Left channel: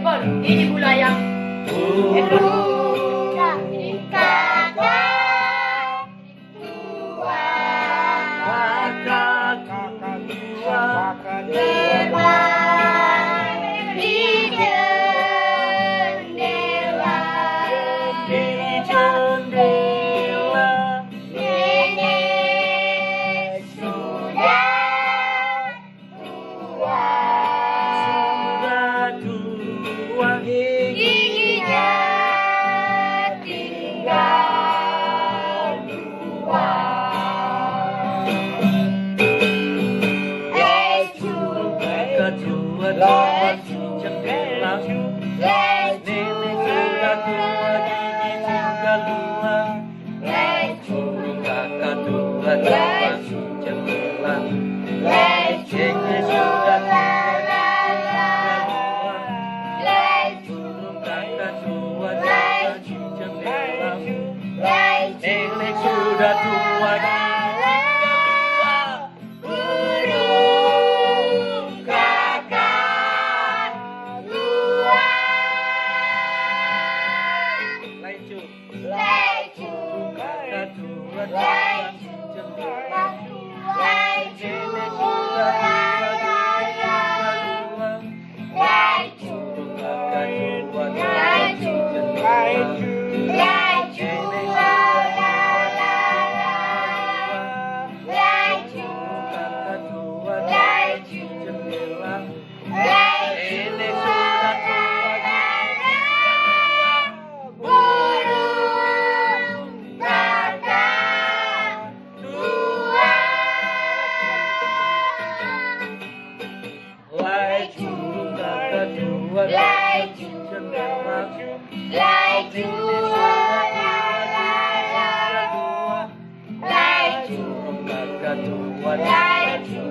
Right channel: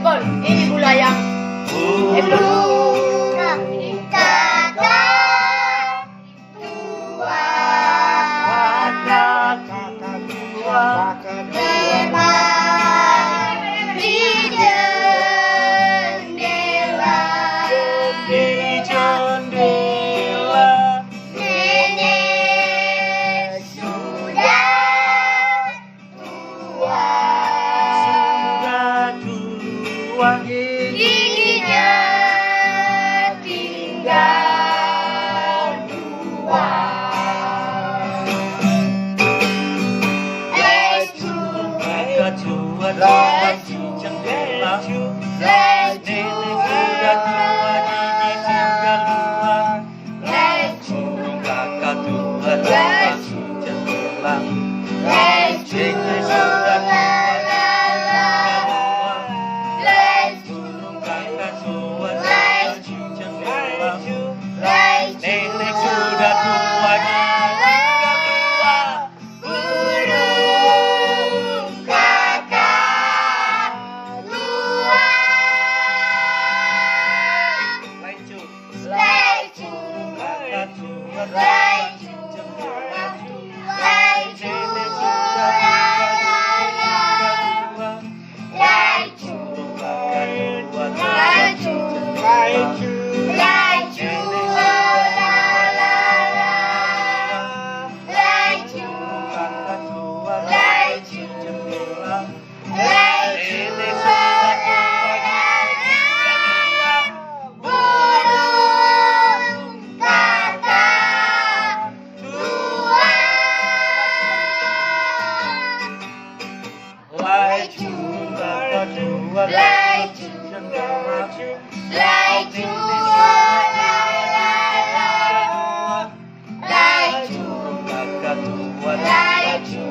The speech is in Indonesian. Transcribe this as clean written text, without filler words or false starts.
Ekor, ini bulu ayam. Ekor. Giginya tinggal dua. Kakak tua di jendela, nenek sudah tua gigi tinggal dua. Burung kakak tua di jendela, nenek sudah tua tinggal dua. Burung kakak tua di jendela, nenek sudah tua gigi tinggal dua. Burung kakak tua. Lecu, Lecu, kakak tua lecu, di jendela, lecu, nenek sudah tua gigi tinggal dua. lecu, Burung kakak tua lecu, di jendela, lecu, oh la la la. Lecu, kakak tua lecu, di jendela, lecu, nenek oh sudah la tua la gigi la. tinggal dua. Burung kakak tua. Lecu, kakak tua di jendela, Lecu, nenek oh sudah la la la. tua gigi tinggal dua. Lecu, Burung kakak tua lecu,